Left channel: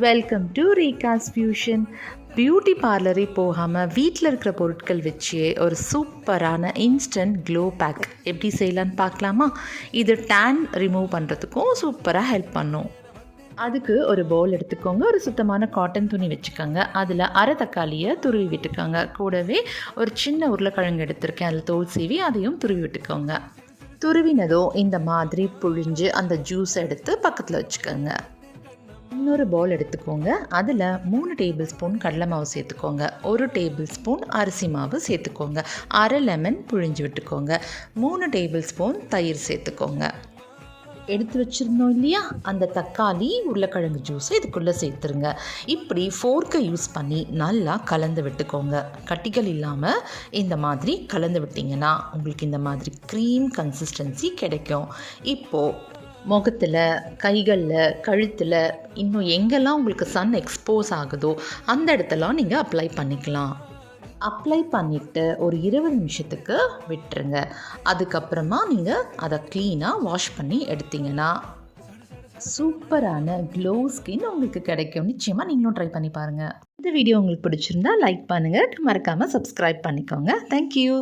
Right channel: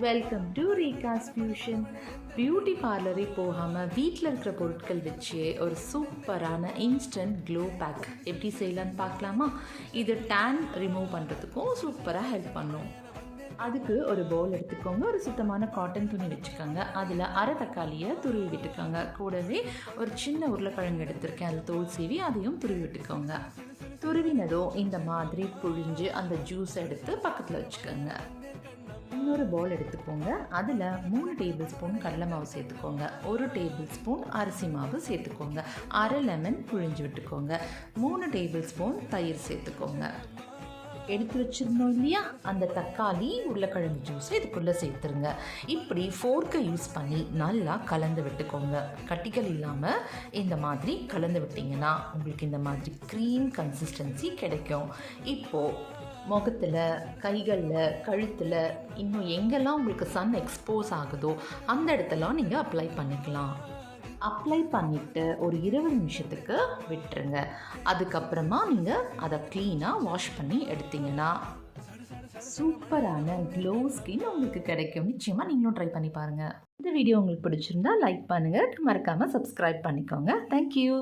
Welcome to Reega's fusion. Beauty பார்லரே போகாமல் வீட்டில் இருக்கிற பொருட்கள் வச்சு ஒரு சூப்பரான இன்ஸ்டன்ட் க்ளோ பேக் எப்படி செய்யலான்னு பார்க்கலாமா? இது டேன் ரிமூவ் பண்ணுறதுக்கும் சூப்பராக ஹெல்ப் பண்ணும். அதுக்கு ஒரு பவுல் எடுத்துக்கோங்க. ஒரு சுத்தமான காட்டன் துணி வச்சுக்கோங்க. அதில் அரை தக்காளியை துருவி விட்டுக்கோங்க. கூடவே ஒரு சின்ன உருளைக்கிழங்கு எடுத்திருக்கேன், அதில் தோல் சீவி அதையும் துருவி விட்டுக்கோங்க. துருவினதோ இந்த மாதிரி புழிஞ்சு அந்த ஜூஸ் எடுத்து பக்கத்தில் வச்சுக்கோங்க. இன்னொரு பவுல் எடுத்துக்கோங்க. அதில் 3 டேபிள் ஸ்பூன் கடலை மாவு சேர்த்துக்கோங்க. 1 டேபிள் ஸ்பூன் அரிசி மாவு சேர்த்துக்கோங்க. அரை லெமன் புழிஞ்சு விட்டுக்கோங்க. 3 டேபிள் ஸ்பூன் தயிர் சேர்த்துக்கோங்க. எடுத்து வச்சுருந்தோம் இல்லையா, அந்த தக்காளி உருளைக்கிழங்கு ஜூஸ் இதுக்குள்ளே சேர்த்துருங்க. இப்படி ஃபோர்க்கை யூஸ் பண்ணி நல்லா கலந்து விட்டுக்கோங்க. கட்டிகள் இல்லாமல் இந்த மாதிரி கலந்து விட்டிங்கன்னா உங்களுக்கு இந்த மாதிரி க்ரீம் கன்சிஸ்டன்சி கிடைக்கும். இப்போது முகத்தில், கைகளில், கழுத்தில், இன்னும் எங்கெல்லாம் உங்களுக்கு சன் எக்ஸ்போஸ் ஆகுதோ அந்த இடத்தெல்லாம் நீங்கள் அப்ளை பண்ணிக்கலாம். அப்ளை பண்ணிவிட்டு ஒரு 20 நிமிஷத்துக்கு விட்டுருங்க. அதுக்கப்புறமா நீங்கள் அதை க்ளீனாக வாஷ் பண்ணி எடுத்திங்கன்னா சூப்பரான க்ளோ ஸ்கின் உங்களுக்கு கிடைக்கும். நிச்சயமாக நீங்களும் ட்ரை பண்ணி பாருங்கள். இந்த வீடியோ உங்களுக்கு பிடிச்சிருந்தா லைக் பண்ணுங்கள், மறக்காமல் சப்ஸ்கிரைப் பண்ணிக்கோங்க. தேங்க்யூ.